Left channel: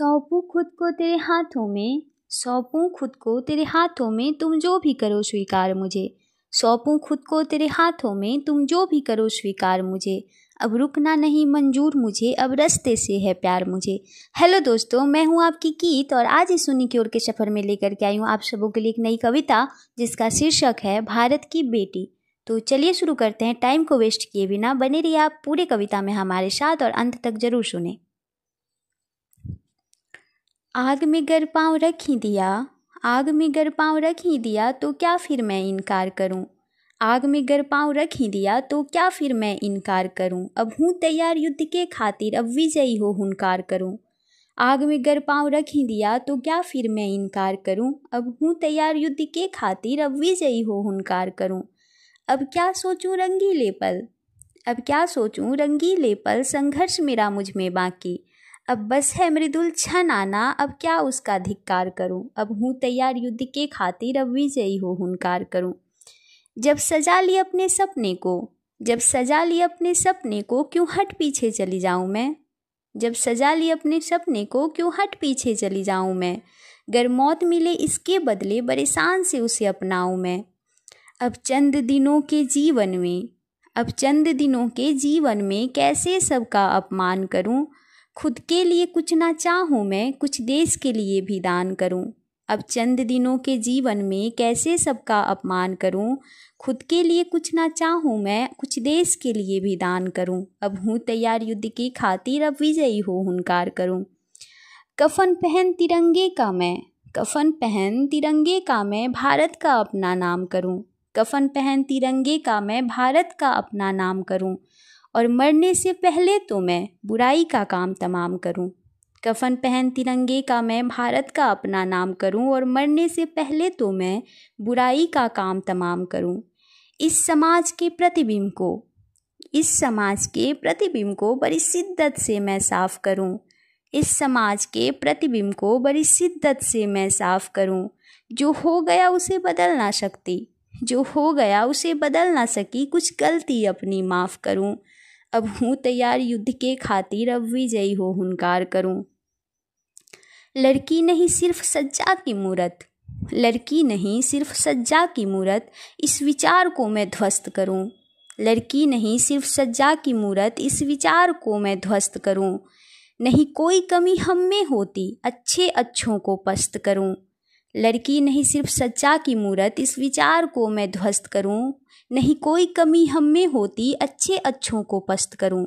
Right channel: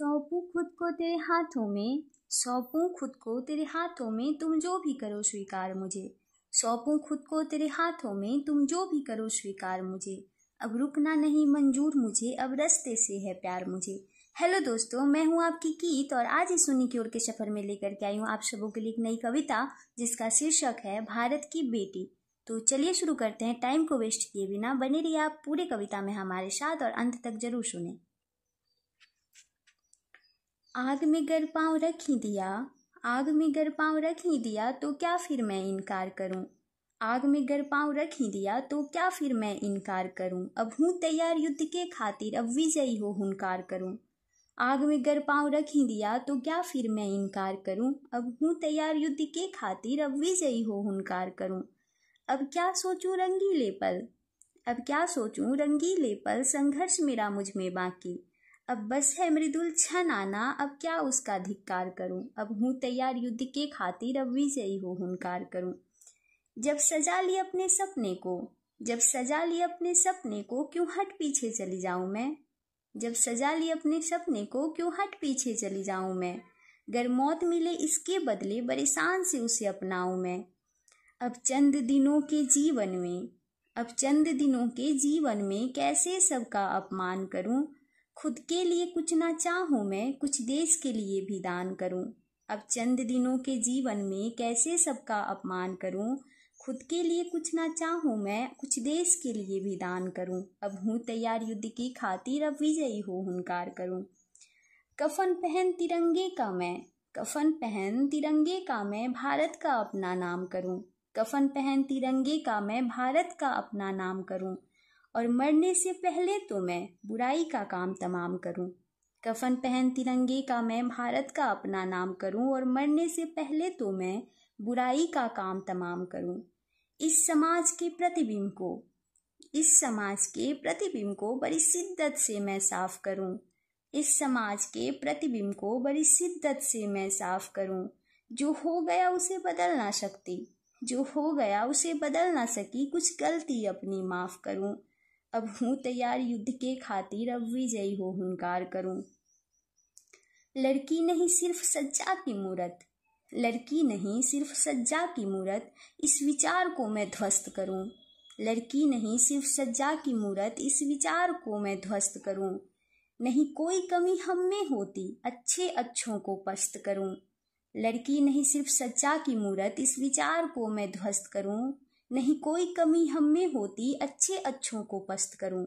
सौंपूं खुद को तेरे हाथों में, सौंपूं खुद को तेरे हाथों में, तुम जो भी करो स्वीकार मुझे। सौंपूं खुद को तेरे हाथों में, तुम जो भी करो स्वीकार मुझे। अब रुकना नहीं मंजूर मुझे, अब रास्ते से है प्यार मुझे। हेलो दोस्तों, मैं हूँ आपकी कीत और आज इस सुनी की ओर के सफ़र में लेकर के आई हूँ आप सबों के लिए एक नई कविता जिसका शीर्षक है भारत की बेटी। तो चलिए शुरू करते हैं। टाइम को वेस्ट किए बिना बने रहिए आप पूरी कविता में हमारे साथ और अंत तक जरूर सुने। आग में गर पाँव रख ही दिया, आग में गर पाँव रख ही दिया, तो क्या फिर मैं इनकार करूं। आग में गर पाँव रख ही दिया, तो क्या फिर मैं इनकार करूं। अब हूँ तैयार युद्ध के खातिर, अब विजयी हो हुनकार करूं। आग में गर पाँव रख ही दिया, तो क्या फिर मैं इनकार करूं। अब हूँ तैयार युद्ध के खातिर, अब विजयी हो हुनकार करूं। अब क्या सोचूं रंगीले पल, अब क्या सोचूं रंगीले पल, संघर्ष मेरा मुझ में बाकी। अब बस है मृदुल क्षण आना, अब क्या उसका धिक्कार करूं। अब हूँ तैयार युद्ध के खातिर, अब विजयी हो हुनकार करूं। जब सजा ली अपने सपने को, जब सजा ली अपने सपने को, क्यों हट पीछे चली जाऊं मैं। जब सजा ली अपने सपने को, क्यों हट पीछे चली जाऊं मैं। गर मौत मिले इसके बदले, बड़े शान से उसे अपनाऊं मैं। अब चंद दिनों के जीवन में, अब चंद दिनों के जीवन में, कैसे सबका अपमान करूं। खुद के लिए कुछ ना चाहूँ मैं, कुछ देश के लिए भी दान करूं। अब चंद दिनों के जीवन में, कैसे सबका अपमान करूं। खुद के लिए कुछ ना चाहूँ मैं, कुछ देश के लिए भी दान करूं। अब हूँ तैयार युद्ध की खातिर, अब विजयी हो हुनकार करूं। कफन पहन तिरंगे का मैं, कफन पहन तिरंगे का मैं, भारत का अपना नाम करूं। कफन पहन तिरंगे का मैं, भारत का अपना नाम करूं। और मरने से पहले तो मैं बुराई का काम तमाम करूं। कफन पहन तिरंगे का मैं, भारत का अपना नाम करूं। और मरने से पहले तो मैं बुराई का काम तमाम करूं। इस समाज के प्रतिबिंब को, इस समाज के प्रतिबिंब को बड़ी शिद्दत से मैं साफ करूं। इस समाज के प्रतिबिंब को बड़ी शिद्दत से मैं साफ करूं। जो हो गया उसे बदल ना सकती, जो हो गया उसे बदल ना सकी, कुछ गलती अपनी माफ़ करूं। अब हूँ तैयार युद्ध के खातिर, अब विजयी हो हुनकार करूं। लड़की नहीं सिर्फ सज्जा की मूरत, लड़की नहीं सिर्फ सज्जा की मूरत, इस विचार को मैं ध्वस्त करूं। लड़की नहीं सिर्फ सज्जा की मूरत, इस विचार को मैं ध्वस्त करूं। नहीं कोई कमी हम में होती, अच्छे अच्छों को पस्त करूं। लड़की नहीं सिर्फ सज्जा की मूरत, इस विचार को मैं ध्वस्त करूं। नहीं कोई कमी हम में होती, अच्छे अच्छों को पस्त करूं।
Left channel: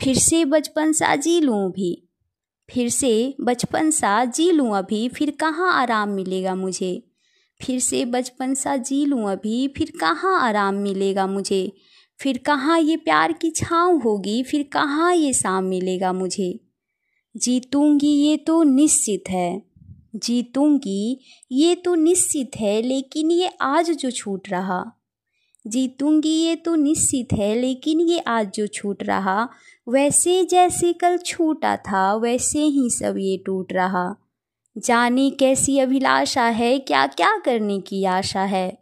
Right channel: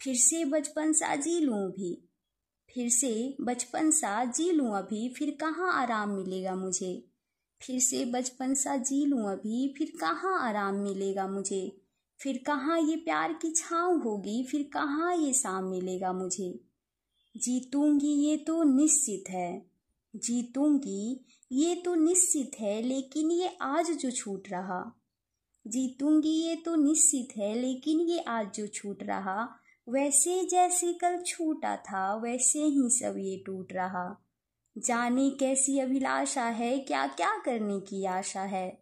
फिर से बचपन सा जी लूं भी, फिर से बचपन सा जी लूं अभी, फिर कहाँ आराम मिलेगा मुझे। फिर से बचपन सा जी लूं अभी, फिर कहाँ आराम मिलेगा मुझे। फिर कहाँ ये प्यार की छाँव होगी, फिर कहाँ ये शाम मिलेगा मुझे। जीतूंगी ये तो निश्चित है, जीतूंगी ये तो निश्चित है, लेकिन ये आज जो छूट रहा। जीतूंगी ये तो निश्चित है, लेकिन ये आज जो छूट रहा। वैसे जैसे कल छूटा था, वैसे ही सब ये टूट रहा। जाने कैसी अभिलाषा है, क्या क्या करने की आशा है।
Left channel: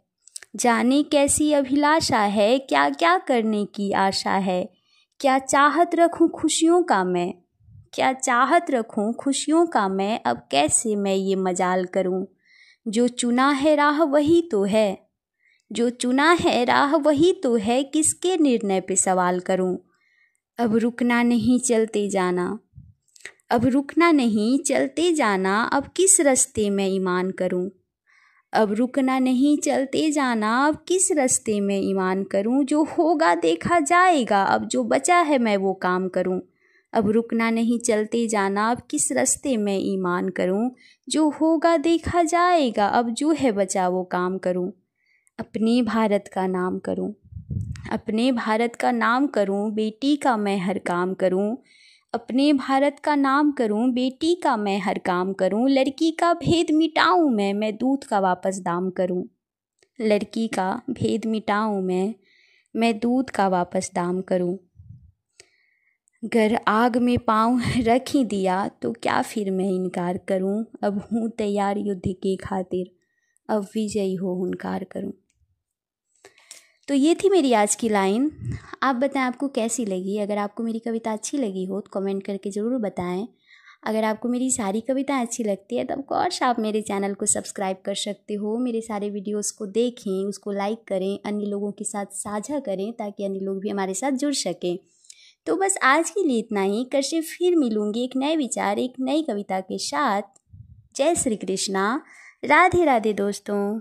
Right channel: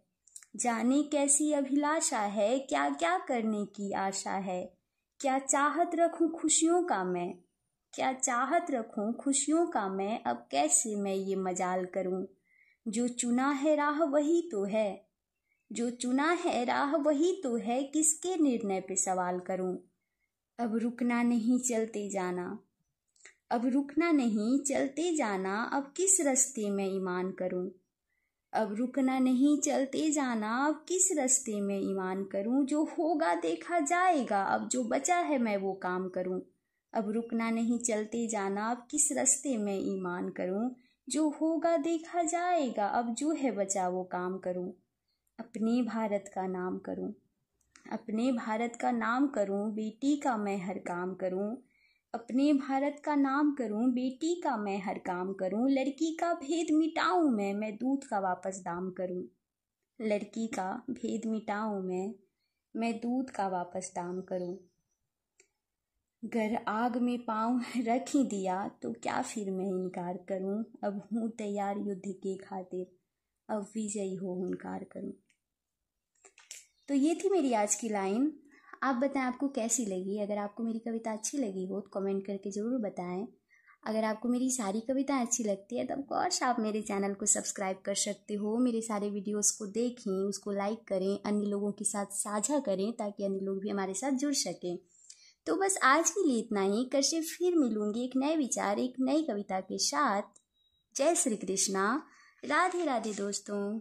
जाने कैसी अभिलाषा है, क्या क्या करने की आशा है। क्या चाहत रखूं खुशियों का मैं, क्या चाहत रखूं खुशियों का मैं, अब कैसे मैं ये मजाल करूं। जो चुना है राह वही तो है, जो चुना है राह वही तो है, किसके निर्णय पे सवाल करूं। अब रुकना नहीं चलते जाना, अब रुकना नहीं चलते जाना, अब किस रास्ते में ईमान करूं। अब रुकना नहीं चलते जाना, अब किस रास्ते में ईमान करूं। जो होगा देखा जाएगा, अब जो बचा है मैं वो काम करूं। अब रुकना नहीं चलते जाना, अब किस रास्ते में ईमान करूं। जो होगा देखा जाएगा, अब जो है बचा वो काम करूं। अपने भारत का नाम करूं, अपने भारत का नाम करूं, बेटी का मैं हर काम करूं। अपने भारत का नाम करूं, बेटी का मैं हर काम करूं। लड़की का भेद मिटाऊं मैं दूध का वापस दाम करूं। लड़की का भेद मिटाऊं मैं दूध का वापस दाम करूं। गर आग में पाँव रख ही दिया, तो क्या फिर मैं इनकार करूं। अब हूँ तैयार युद्ध के खातिर, अब विजयी हो हुनकार करूं। तो ये थी मेरी आज की लाइन। आप बताएं आपको कैसी लगी। अगर आपको मेरी कविता अच्छी लगी हो तो कमेंट करके ज़रूर बताएं। अगर आपको मेरी सारी कविताएं अच्छी लगती है तब कोर्स आप मेरे चैनल को सब्सक्राइब कर सकते हो। मेरे सारे वीडियोस को देखें, उसको लाइक करें, अन्य लोगों के साथ साझा करें ताकि अन्य लोग भी हमारे साथ जुड़ सकें। तो बस आज के लिए इतना ही। कल से फिर मिलूंगी एक नए विचार, एक नई कविता के साथ। जय श्री कृष्णा। राधे राधे दोस्तों।